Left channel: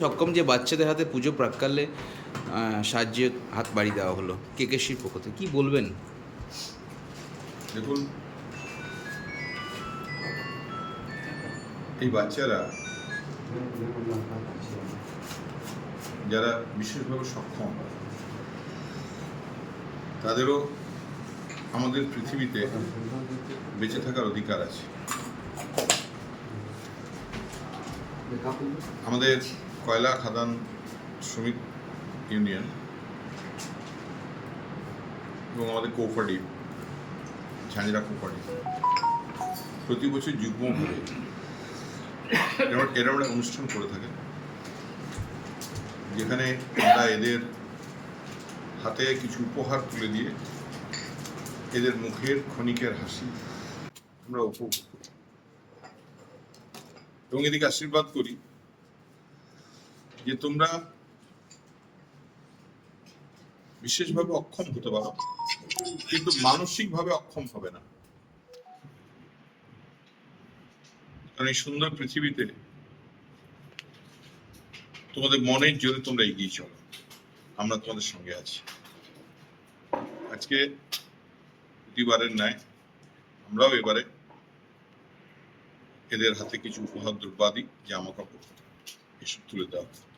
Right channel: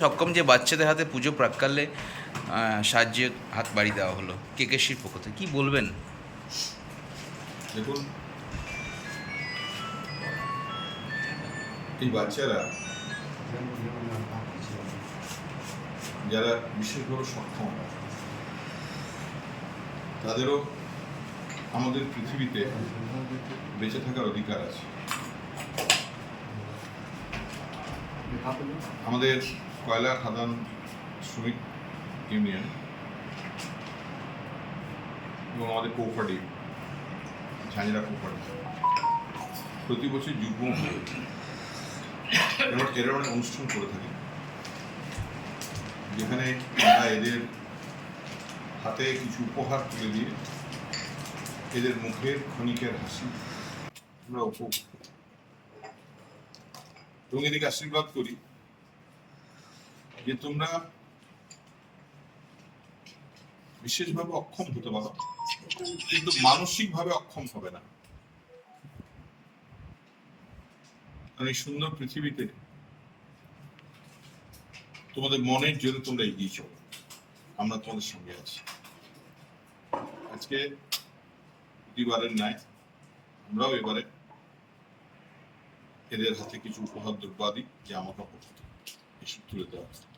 সক্ষম যে বাচ্চাদের হাতে পুজো প্রাক্কালে সাহায্যের হাত বাড়িয়ে দেওয়া হলো কেকেসির পক্ষ থেকে, কী বলবেন? দেখুন, এই বাচ্চারা যারা বিশেষভাবে সক্ষম, তাদেরও আমাদের পৃথিবীতে বেঁচে থাকার অধিকার আছে। আমাদের কয়লা খাদান শ্রমিক ইউনিয়ন এবং আমাদের কোঅপারেটিভ ঝাঁঝরা কোঅপারেটিভ প্রতি বছর যুগ্মভাবে এরকম একটা অনুষ্ঠান করে থাকেন, যেখানে আমরা এদের হাতে কিছু উপহার তুলে দিয়ে এদের মুখের ক্ষণিকের হাসি আমরা উপভোগ করি এবং এদিকে আশীর্বাদ করি যে তোমরা বিশেষভাবে অক্ষম হতে পারো, কিন্তু মানসিকভাবে অক্ষম হবে না। কারণ এই সুন্দর পৃথিবীতে তোমাদের মনের জোরে তোমরা এগিয়ে চলো, আমরা তোমাদের সঙ্গে আছি। আজকে প্রতিবারের ন্যায় আমরাও এবারে এদের হাতে কিছু উপহার দ্রব্যাদি, জামা কাপড় এসব তুলে দেওয়া হবে।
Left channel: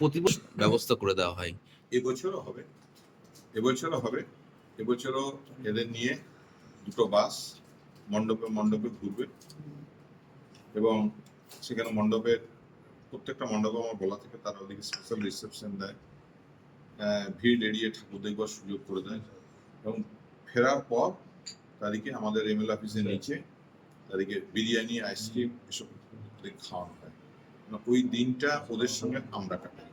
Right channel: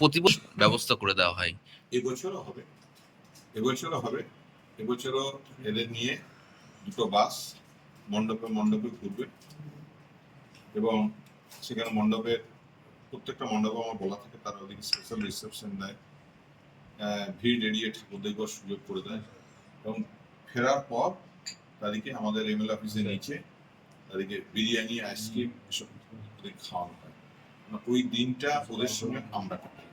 প্রতি বছর ব্যবস্থা করে দেওয়া হয়, এবছরও হবে, এবছরও এদের নিয়ে দুটো বাস মণ্ডপে ঘুরবে এবং সেখানে প্রত্যেকটা মণ্ডপে আমার বলা থাকে, তারা ওদিকে স্পেশাল রিসেপশন দেয়, ভিড় এড়িয়ে ঠাকুর দেখবার সুযোগ করে দেয় এবং ফেরার পর তাদেরকে আমাদের এমএলএ অফিসের নিচে তাদেরকে বিরিয়ানি, আইসক্রিম এসব খাওয়ানো হয়। ওই দিনটা ওদের সঙ্গে আমরা কাটাই।